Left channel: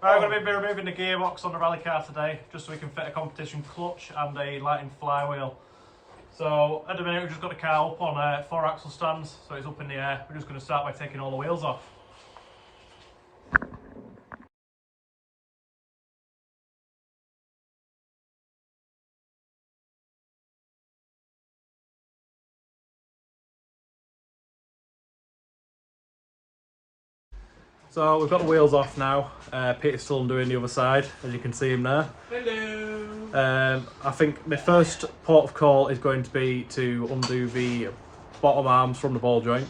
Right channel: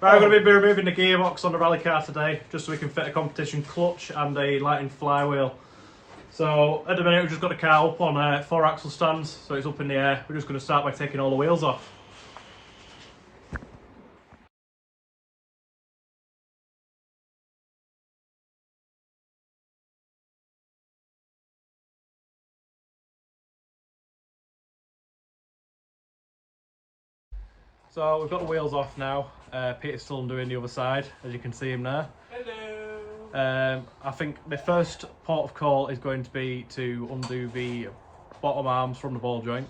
Right, we're going to be removing the gearbox on the rally car today, just so we can fit a competition clutch and a lighting flywheel. So at the minute we've just got the car up on 4 axle stands, so it's up in the air. We're just going to start by taking all the wheels off. So we've got the wheels off now. Peter's still undoing the other side, as you can see him there. Hello. I think the first port of call is going to be to undo the bottom arms from the ball joint,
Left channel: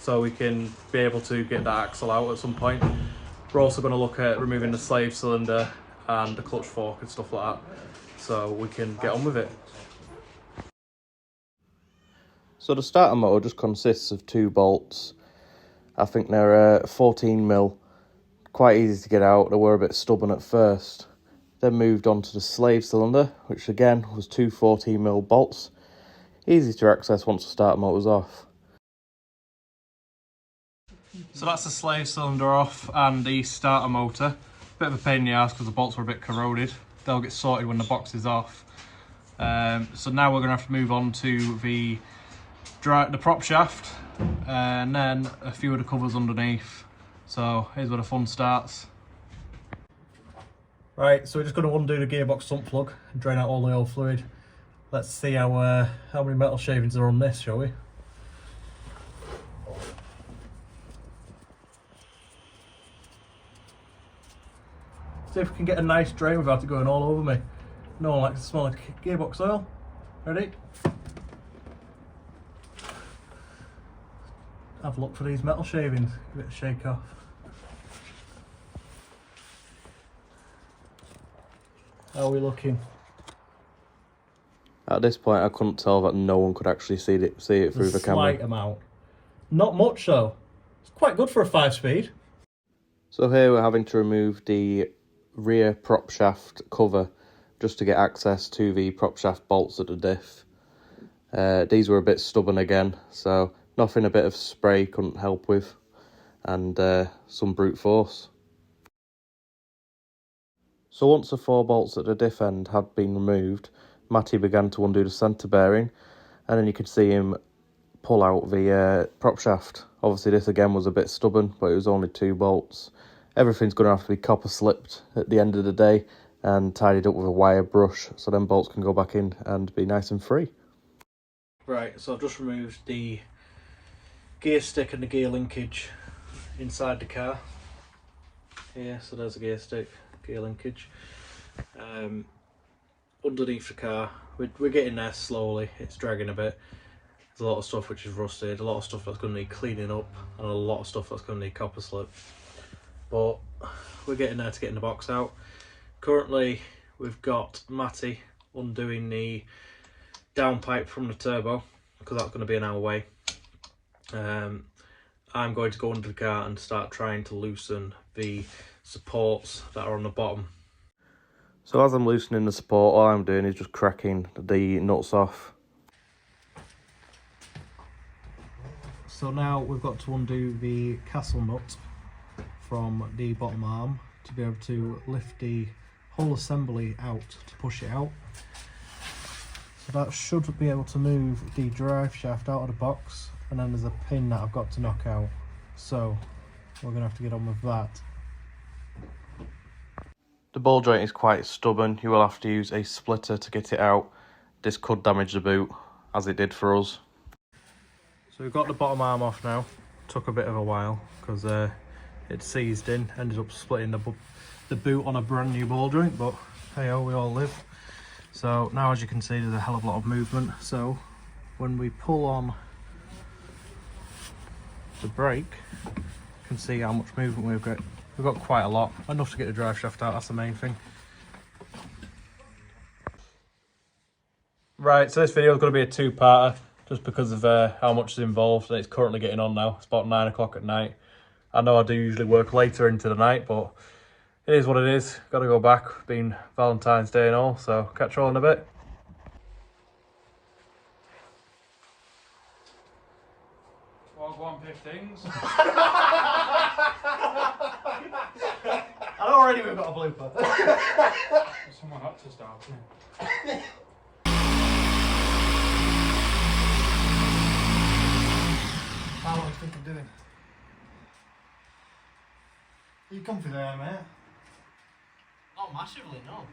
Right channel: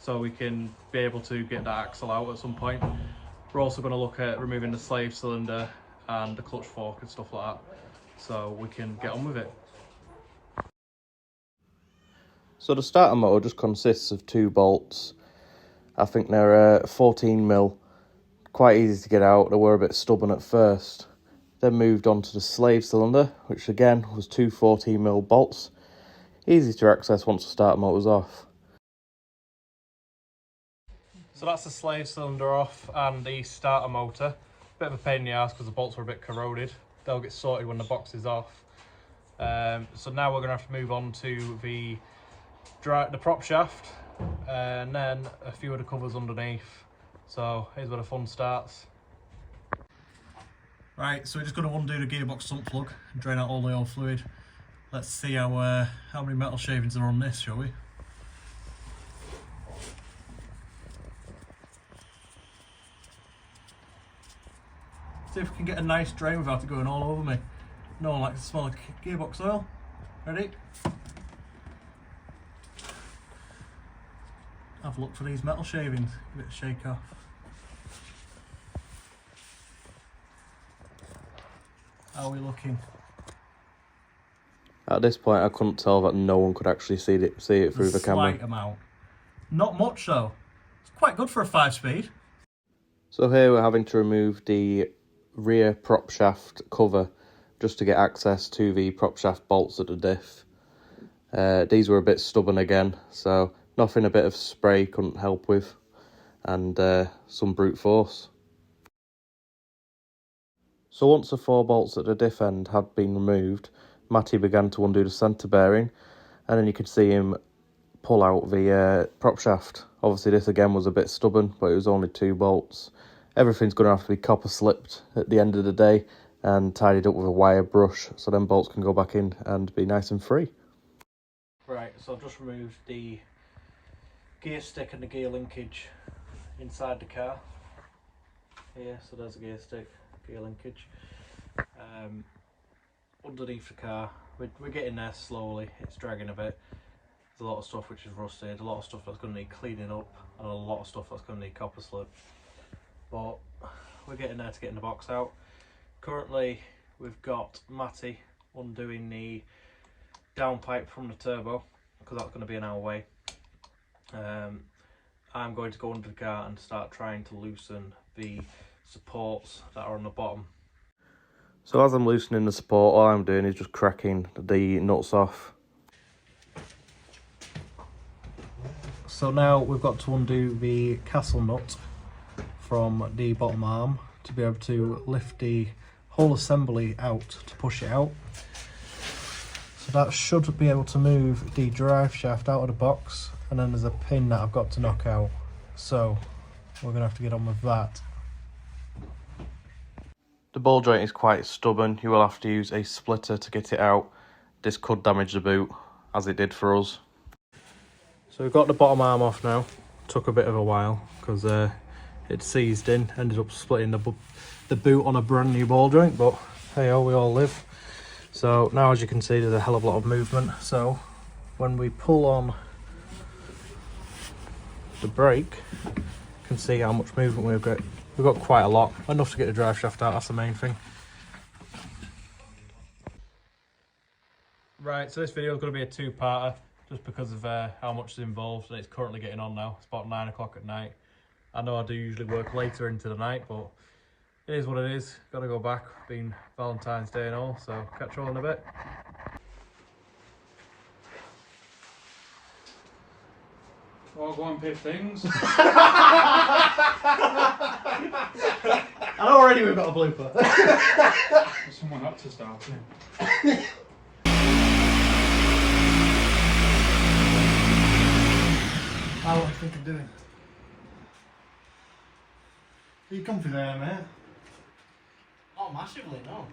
so we can be able to get that axle out at some point. We're also going to look at removing the slave cylinder and the clutch fork and stuff like that, so we can get on with it. So the starter motor just consists of 2 bolts. I think they're 14mm, quite easy to get out. They were a bit stubborn at first. Then moved on to the slave cylinder, which again was 2 14mm bolts. Easy to access once the starter motor's off. So that's the slave cylinder off and the starter motor. Bit of a pain in the ass because the bolts were a bit corroded. They'll get sorted when the box is off. So now we're going to have to move on to the prop shaft and then a few of the covers underneath. So here's where the fun starts. Right, so we're just going to undo the gearbox sump plug and drain out all the oil fluid. Let's see how many metal shavings are on this, shall we? See if we can get a nice drain without it going all over me. No one likes the smell of gearbox oil. Ready? Have a look for these metal shavings. Give it a shake off. How are we looking? At this point I couldn't tell that no one could actually see it through the camera. Slight amount. Not much though. It's quite good for a 5-speed. So here we're having to remove the rear prop shaft cover just to get access to the prop shaft bolts at the diff. These were a bit stubborn again, so nothing a bit of spray couldn't help with, and some brute force. So once the 4 bolts at the diff end had been removed, Matty began to undo the centre bearing, and then you could see him pull out the prop shaft. Obviously this again was a bit stubborn, but it was only 2 bolts. Everything's going to have to be copper slipped at the end of the day and tidied up with a wire brush, so then bolts can go back in and be nice and free. Right, so I've just removed the gear stick and the gear linkage inside the car. Yeah, so there's the gear stick, gear linkage. Underneath the car, we're getting there slowly, it's dragging a bit. There's a lot of stuff which is rusted, a lot of stuff that's going to need cleaning up, and a lot of stuff that's going to need copper slip. But we're getting there to getting the box out. Currently we've got Matty undoing the downpipe from the turbo, because that's going to be an hour away. I'm going to go under the car and start trying to loosen the supports that are on the bottom. So as I'm loosening the support, all I'm doing is just cracking the nuts off. So now we've got to undo the castle nut from the bottom arm to be able to lift the whole assembly out to push it out. So that should be able to move the drive shaft out of the box, and then there's a pin that I've got to knock out. So we're going to have to get on with that. The ball joint is quite stubborn. You will have to use a splitter to get it out. This could damage the boot, as it did for us. So we've got the bottom arm off now. Took a bit of a while because it seized in, ended up splitting the boot on a brand new ball joint, but hey ho, we all live. So now, as you can see, there's a hell of a lot of movement. So when we pull on the brake, you can see how much movement we've got. We've got quite a lot, enough to get the drive shaft out, that's the main thing. Right, so this video is going to be a 2-parter, just because of how much is involved. It's currently getting on now, it's about 9 o'clock at night. I know I do usually work later into the night, but it is what it is. Got to go back, being Valentine's Day and all, so catch you all in a bit. Well, go on, pick things. I know Already we've got a blooper. Someone had to start it. What do you think I'm doing? Are you comfy there, mate? Not massively, no.